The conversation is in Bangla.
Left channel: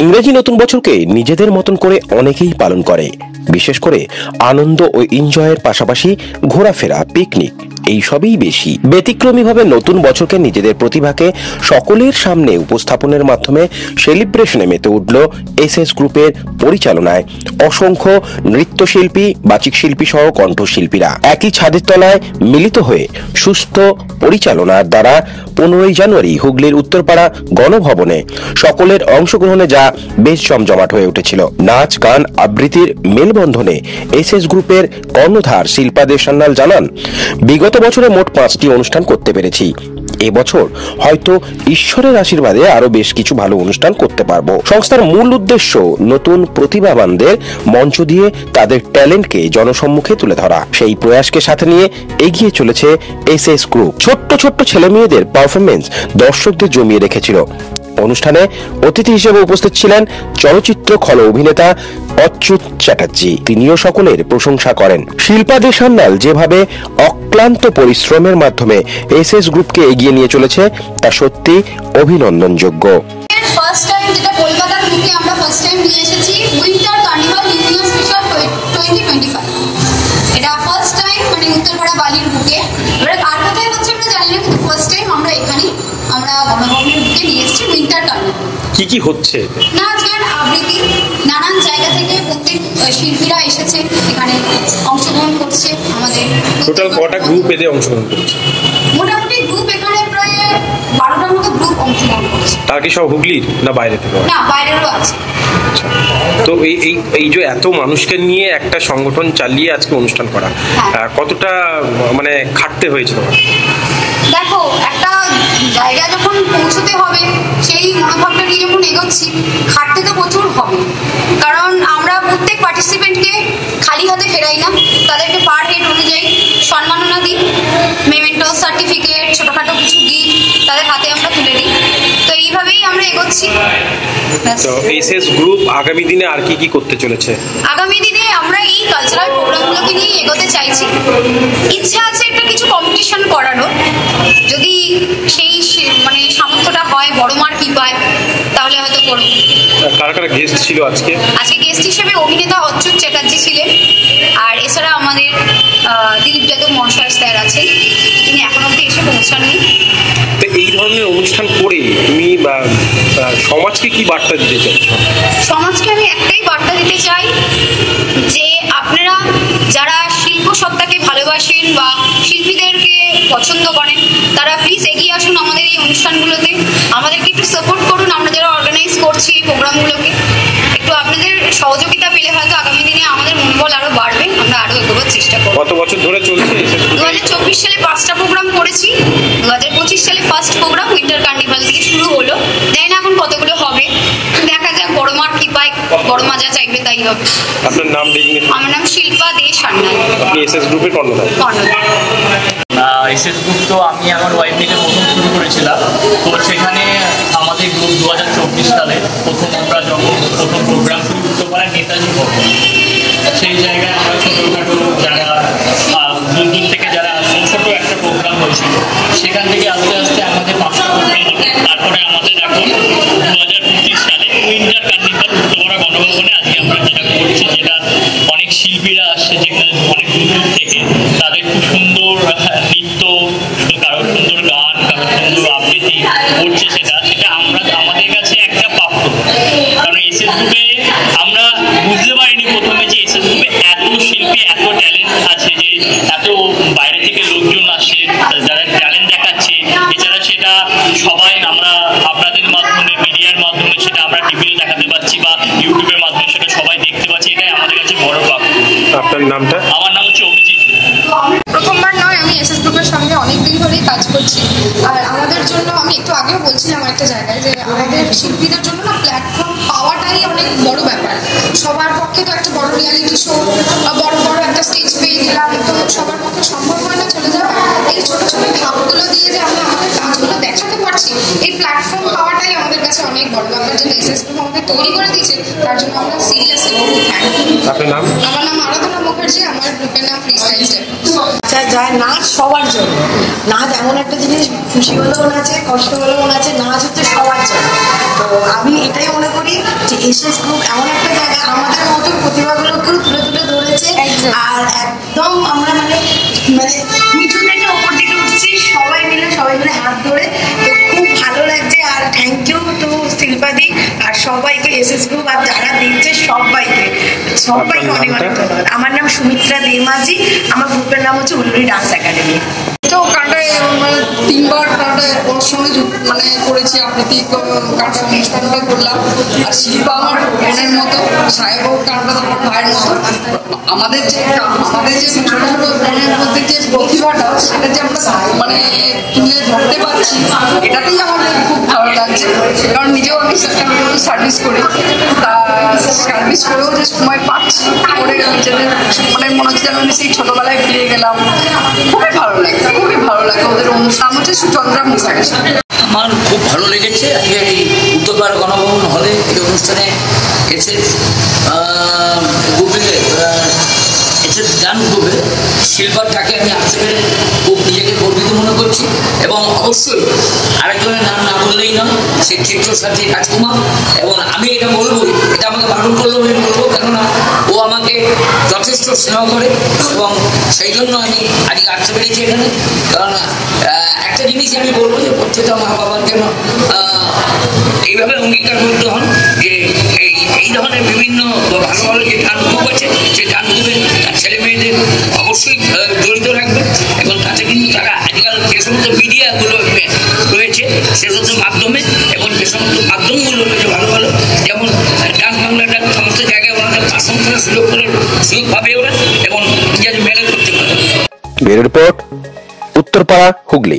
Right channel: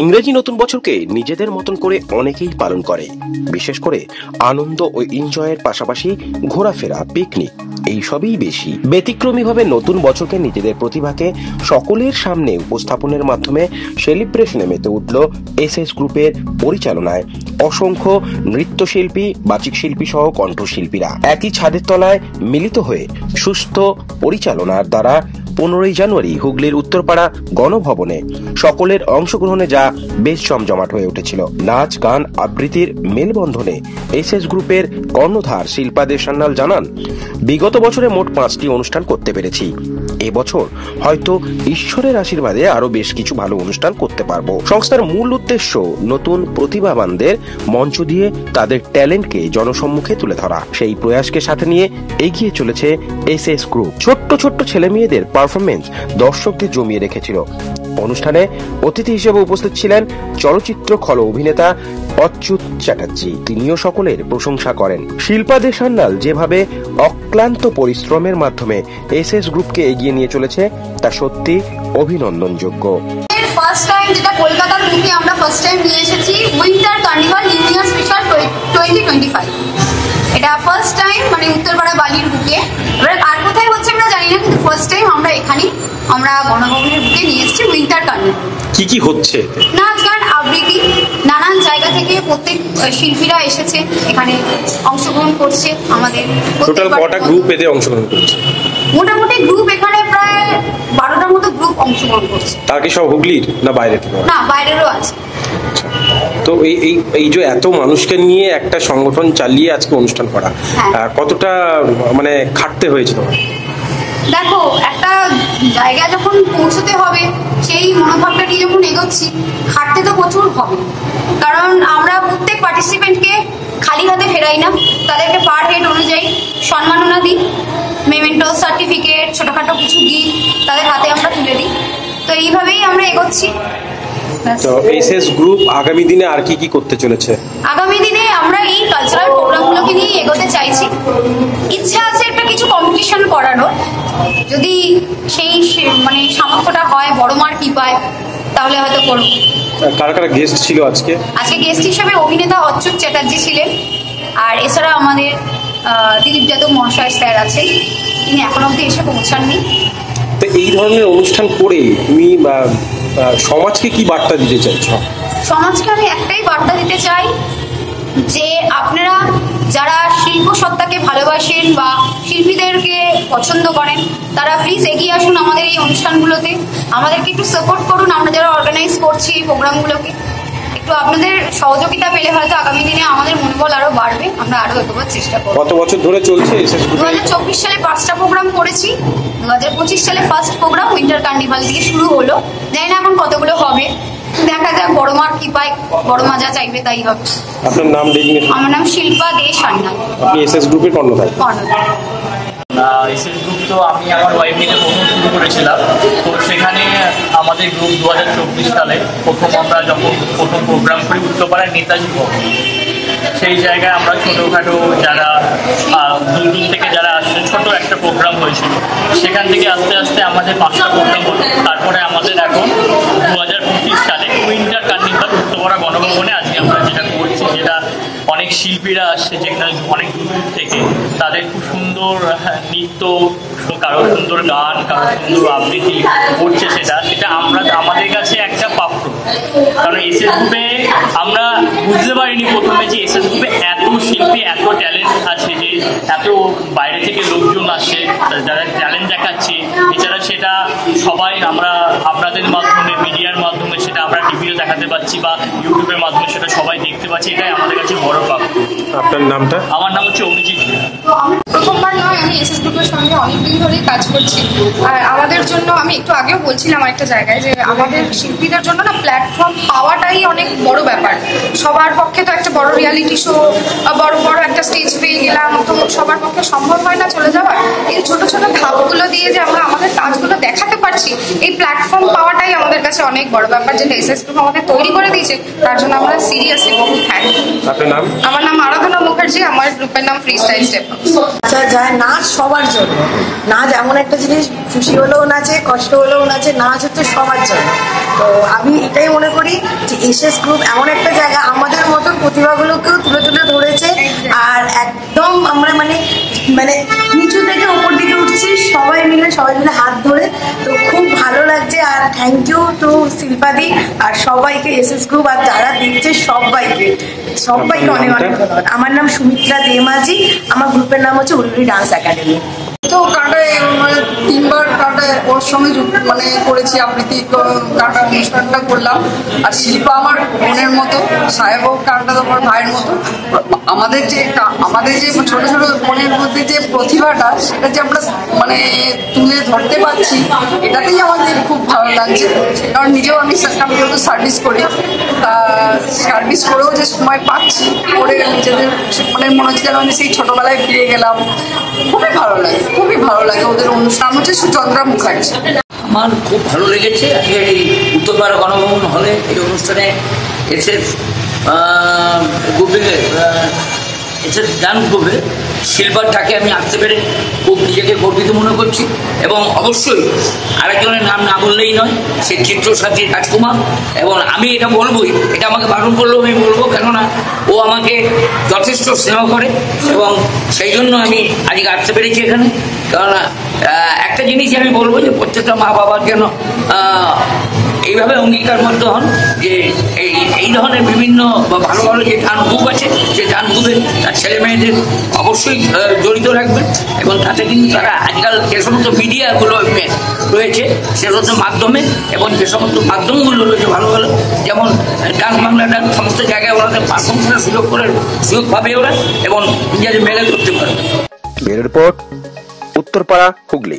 ইংরেজি নতুন বছরকে নিজেদের মতন করে অনেকেই পালন করে, বিশেষ করে আনন্দ ও এনজয়ের পাশাপাশি ঘোরাফেরা, পিকনিক এইসবই বেশি। ব্যতিক্রমীভাবে নতুন বছরকে নিজেদের প্রতিভাকে সকলের সামনে উপস্থাপনের মাধ্যমে সেলিব্রেশনে মেতে উঠল এসএস গ্রুপের পরিচালনায় অসংখ্য নৃত্যশিল্পী, বাচিক শিল্পী সহ কণ্ঠশিল্পীরা একই ছাদের তলায় মিলিত হয়ে সুস্থ পরিচালনার দ্বারা 15ই জানুয়ারি হুগলির উত্তরপাড়া গণভবনে সকলের অংশগ্রহণে যা বেশ জমজমাট হয়ে উঠেছিল। নাচ, গান, আবৃত্তির মেলবন্ধনে এসএস গ্রুপের কর্ণধার শিল্পা দে সান্যাল জানান, বিগত বছরে মোট 5টি অনুষ্ঠান করতে পেরেছি। এবছর হয়তো ঈশ্বরের আশীর্বাদে আরো বেশ কিছু ভালো অনুষ্ঠান করতে পারবো। সংস্থার মূল উদ্দেশ্য নতুন প্রতিভাবানদের মঞ্চ দিয়ে তাদের ট্যালেন্টকে জনসম্মুখে তুলে ধরা। সেই প্রয়াসকে সাথে নিয়ে এগিয়ে চলেছে এসএস গ্রুপ। ছোট্ট ছোট্ট ছেলে মেয়েদের পারফরমেন্স দর্শকদের জমিয়ে রেখেছিল। অনুষ্ঠানে অতিথি হিসেবে উপস্থিত ছিলেন চলচ্চিত্র খল অভিনেতা অচ্যুত চ্যাটার্জি। তিনিও সকলের প্রশংসা করেন। শিল্পা দে সান্যাল যেভাবে অক্লান্ত পরিশ্রমের মাধ্যমে এসএস গ্রুপকে এগিয়ে নিয়ে চলেছে তা সত্যি অভিনন্দনযোগ্য। ফার্স্ট টাইম যেটা কলকাতার বুকে আমরা ফার্স্ট টাইম নিয়ে এসেছি winter carnival new year special 2025। এটা ফার্স্ট টাইম মানে উত্তরপাড়া বালির বুকে। এবারে আর কোথায় হচ্ছে আমরা জানি না, কিন্তু ফার্স্ট টাইম আমরা এখানেই আমরা গণভবনের বুকে নিয়ে এসেছি উইন্টার কার্নিভাল। কি কি হচ্ছে? নাচ, গান, আবৃত্তি, নানান জায়গা থেকে প্রত্যেক শিল্পীরা এসেছে এখানে অংশগ্রহণ করছে। আমাদের টোটাল কটা গ্রুপ এতে অংশগ্রহণ করছে? মোটামুটি গ্রুপ এখানে প্রায় 12টার মতো গ্রুপ অংশগ্রহণ করছে। তার কি সব হুগলির না বাইরে থেকে? না, বাইরেরও আছে। তো এই যে এত মানুষকে নিয়ে একটা সংগঠন চালিয়ে আজকে অনুষ্ঠান করা, কতটা মানে খাটতে হয়েছে তোমার? দেখো, একটা জায়গা যখন পৌঁছতে হবে সেই মনোভাবটা নিয়ে যখন এগোচ্ছি, খাটতে তো প্রচুর হবে। কারণ আমরা প্রত্যেক পার্টিসিপেন্টকে খালি হাতে ফেরাই না, তাদেরকে পার হেড অনুযায়ী সম্মাননা দিই, মেমেন্টো, সার্টিফিকেট, ছোটখাটো কিছু গিফট তাদের হাতে আমরা তুলে দিই। তো এইভাবেই আমরা এগোচ্ছি। তো এসএস গ্রুপ আগামী দিনে আর কি কি করতে চলেছে? আগামী দিনে আমরা এই কালচারাল প্রোগ্রামগুলোকে নিয়ে এগোতে চাইছি। ইচ্ছা আছে একটা কিছু কম্পিটিশন করানোর, যদি সেই মানে সামর্থ্যটা হয়, বড় মার কি পায়, তাহলে হয়তো করবো। কারা কারা গেস্ট ছিল আজকে? আজকে গেস্ট হিসেবে অভিনেতা অচ্যুত চ্যাটার্জি ছিলেন, আর এছাড়া আমাদের দিলীপ যাদব মহাশয় স্যার আছেন, তিনি এখনো অব্দি এসে পৌঁছাননি। তো এই ধরনের অনুষ্ঠান করে তুমি সমাজকে কি বার্তা দিতে চাইছো? সমাজকে আমি একটাই বার্তা দিতে চাই যে আপনারা যারা শিল্প সত্তাকে ভালোবাসেন বা শিল্পীদেরকে পছন্দ করেন, তারা প্লিজ এগিয়ে আসুন আমাদের এই অনুষ্ঠানগুলোতে। আমাদেরকে একটু সাপোর্ট করুন। আমরা যারা অর্গানাইজ করছি এই প্রোগ্রামগুলোকে, একটু আপনাদের সহযোগিতা পেলে হয়তো আগামী দিনে আমাদের মনোবল আরো বাড়বে, আমরা আরো এগোবার চেষ্টা করব। কত বছর ধরে চলছে? 2024 সালে 5টা প্রোগ্রাম করেছি। 2025 সালে ফার্স্ট প্রোগ্রাম উইন্টার কার্নিভাল থেকে শুরু হলো। জানি না এখন কতগুলো হবে, দেখা যাক, বড় মার কি পায়, বড় মা যা চাইবে তাই হবে। আপনার নাম? আমার নাম শিল্পা দে সান্যাল। আপনি এসএস গ্রুপের কর্ণধার? এসএস গ্রুপ তো আমি আমার ওয়াইফ মিলে প্রথম শুরু করেছিলাম। তো সেখানে আমাদের গ্রুপ 2024 সালে আমরা যখন প্রথম প্রোগ্রাম করি উত্তরপাড়ার নেতাজি ভবন, সেই জায়গায় আমরা ছোটোখাটো যারা দূর দূর থেকে যারা আসছে ছোটো একটা প্রোগ্রাম হয়েছিল। সেখান থেকে আস্তে আস্তে আমাদের 5টা প্রোগ্রাম হলো। তারপরে আমাদের এখন 2025 সালে উইন্টার কার্নিভাল উত্তরপাড়া গণভবনে আজকে আমরা যেটা করছি, যেটা অনেক শিল্পীরা আসছে যেখানে অনেক দূর দূর থেকে, তাদের খুব সুন্দর নৃত্য, কারোর সুন্দর গান, কারোর সুন্দর আবৃত্তি করছে, সেটা আমরা আমাদের কাছে একটা প্রাপ্য। কারণ এসএস গ্রুপে আমরা বুঝতে পারিনি প্রথমে যে এসএস গ্রুপে এত শিল্পী, এত ট্যালেন্ট আছে, যে এত বাইরে থেকে লোকজন আসছে যারা ট্যালেন্ট দেখাচ্ছে। এছাড়া সেটা সবাই আমরা আপনাদের মাধ্যমে, মিডিয়ার মাধ্যমে সেটা আমরা টিভিতে দেখাতে পাচ্ছি বা ইউটিউবের মাধ্যমে সেটা সবাই দেখতে পাচ্ছি। এটাই আমাদের কাছে বড় প্রাপ্য। আপনার নামটা? আমার নাম হচ্ছে অভিজিৎ। প্রথমবার নয়, আমি এসএস গ্রুপের সঙ্গে অনেকদিন ধরেই কাজ করছি। আর আমাদের জন্য, আমি একটু আগেও বলছিলাম একটা জায়গায়, যে আমাদের শিল্পীদের জন্য না প্ল্যাটফর্ম পাওয়াটাই অনেক বড় ব্যাপার। সবার পক্ষে তো একটা বড় রিয়ালিটি শো, বড় বড় একটা স্টেজ পেয়ে গেলাম, তো সবার পক্ষে সম্ভব হয় না চলে যাওয়া। এই ছোট ছোট ধাপগুলো দিয়ে যে আমরা আমাদের কাজগুলো দেখাতে পারছি, এই প্ল্যাটফর্ম পাওয়াটাই আমাদের কাছে অনেক বড় ব্যাপার। যেটা এসএস গ্রুপ আমাদের তৈরি করে দিয়েছে, তার জন্য আমরা সিরিয়াসলি বহু থ্যাংক। আপনার নাম? আমার নাম আরাধনা মুখার্জি, আমার গ্রুপের নাম ফ্রি স্টাইল স্টেপ। আচ্ছা, যায় নাচ সবার জন্য। নাচ এমন একটা জিনিস, খুশি হলেও নাচে, কষ্ট হলেও নাচে, নাচ হচ্ছে সবার জন্য। তো আমি এটাই মনে করি যে এসএস গ্রুপ এমন একটা জায়গা আমাদের মতন প্রতিভাগুলোকেও তুলে তুলে ধরেছে। আর একদম আমরা মানে নিচু থেকে ওপর দিকে উঠছি সবাই মিলে হাত ধরে। তো খুব ভালো লাগছে। আর থ্যাংক ইউ টু শিল্পাদি আর সবাইকে, এসএস গ্রুপ আর যারা দেখছে সবাইকে অনেক অনেক ধন্যবাদ। আমার নাম সুমিত্রা দেমাজি, আমার গ্রুপের নাম হচ্ছে উলুরি ডান্স একাডেমি। তো গানটায় মানে 3বার গানটায় ওর সঙ্গে করেছি, আবৃত্তি গানটা অনুষ্ঠানটা করলাম। আর শিল্পা আমার বোনের মতো, সাহেবও গানটা তো আমার ভাইয়ের মতো। আমাদের যে ছোট ছোট বোনের মধ্যে যে প্রতিভাটা সেটা যে আমরা তুলে ধরতে পারছি, এটাতেই আমাদের খুব ভালো লাগছে। কারণ নিজেও আমি সার্ভিস করি, তা সার্ভিস করেও যে সময় পাচ্ছি করে নিজেদের মনে হচ্ছে যেন আমি সেই ছোটবেলায় ফিরে গেলাম। খুবই ভালো লাগে। ওদের অনুষ্ঠান হচ্ছে সুচন্দ্রা মুখার্জি। আমার খুব ভালো লেগেছে আজকে এই উত্তরপাড়া গণভবন হলে এই অনুষ্ঠানে এসএস গান গ্রুপে শিল্পারটাকে আমি আসতে পেরে খুব নিজেকে গর্বিত মনে করছি। এবং অবশ্যই আরেকজনের নাম না বললেই নয়, সে চিত্রসাথী রাজকুমার। এবং আমি এটা বলবোই, এটা আমাকে বারণ করলেও আমি বলবো, কেননা ও আমাকে যথেষ্ট স্নেহ করে এবং সেই জন্য আমি আজকে আসতে পেরেছি এখানে। কারণ একটা জিনিসই আমি বলবো যে প্রত্যেকটা মা বাবার যেন এইভাবে অঙ্গীকারবদ্ধ হন যে এই ধরনের বিভিন্ন ভালো ভালো যে গান গ্রুপ আছে, যে গান গ্রুপে তার ছেলে মেয়েদের অবশ্যই জড়িত রাখবেন। এবং তাতে কিন্তু তারা আজকাল যে সমস্ত মিডিয়াগুলো রয়েছে সে সমস্ত মাধ্যমে এবং যে সমস্ত মাধ্যমগুলো রয়েছে ভালো ভালো, যেমন ডাক বাংলা ডাক, সমস্ত জায়গায় ওনাদের পারফর্ম করার সুযোগ পাবে ওরা এবং নিজেদের মেলে করতে পারে। Bureau report, Uttarpara, Hooghly.